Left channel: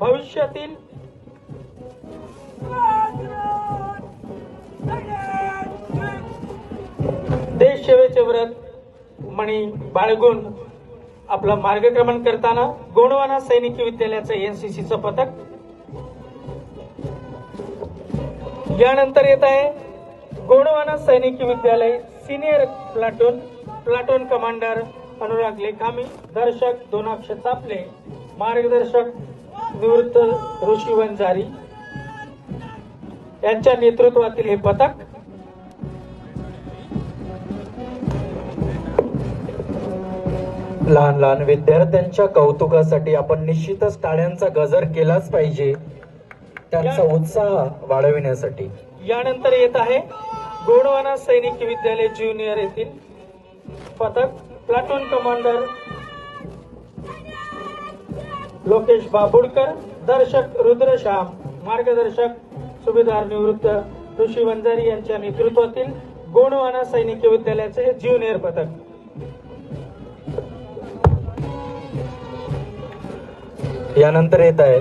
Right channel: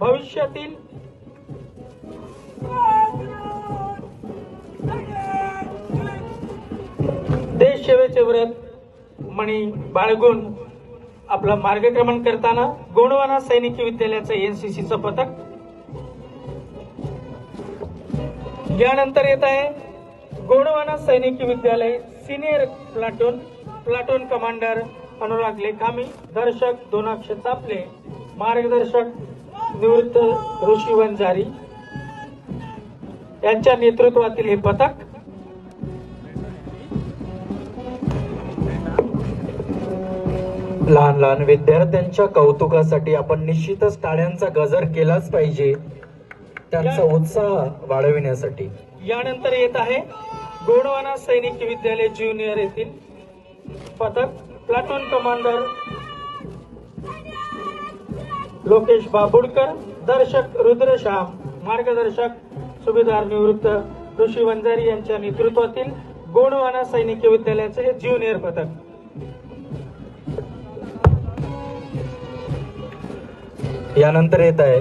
भविष्यातील देश सेवेचे व्रत मणी बाळगून आपला मार्गक्रमण करताना गोंडवाना सैनिकी विद्यालयाचं एनसीसीचं पथक। यानंतर येत आहे गोंडवाना सैनिकी विद्यालय सिनियर प्लाटून कमांडर अनुराग लेखामी, दर्शक दोनाक्ष चापले, मार्गदर्शक निवृत्त ऋषी वंजारी यांच्या नेतृत्वातील हे पथक। लहान लहान विद्यार्थ्यांच्या कौतुकासाठी आपण निश्चितच टाळ्यांचा गजर केलाच पाहिजे, त्यांचा उत्साह वाढविण्यासाठी। यानंतर येत आहे गोंडवाना सैनिकी विद्यालय ज्युनियर येथील पथक। प्लाटून कमांडर लोकेश बाबुडकर, दर्शक रुद्रश्याम, मार्गदर्शक सुभेदार निवृत्त ऋषी वंजारी यांच्या नेतृत्वातील गोंडवाना सैनिकी विद्यालयाचे हे ज्युनियर पथक। यानंतर येत आहे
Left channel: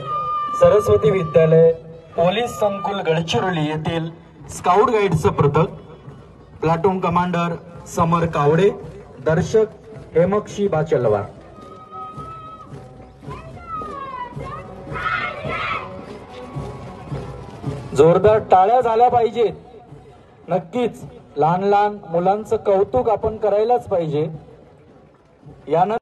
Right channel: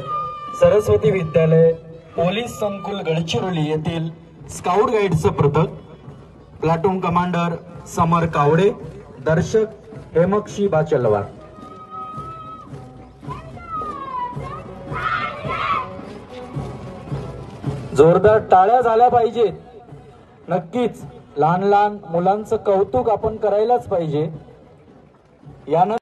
सरस्वती विद्यालय पोलीस संकुल गडचिरोली येथील स्काउट गाईडचं पथक। प्लाटून कमांडर समर कावडे, दर्शक हेमक्षी बाचलवार। जोरदार टाळ्या झाल्या पाहिजेत, नक्कीच लहान लहान मुलांचं कौतुक आपण करायलाच पाहिजे। यानंतर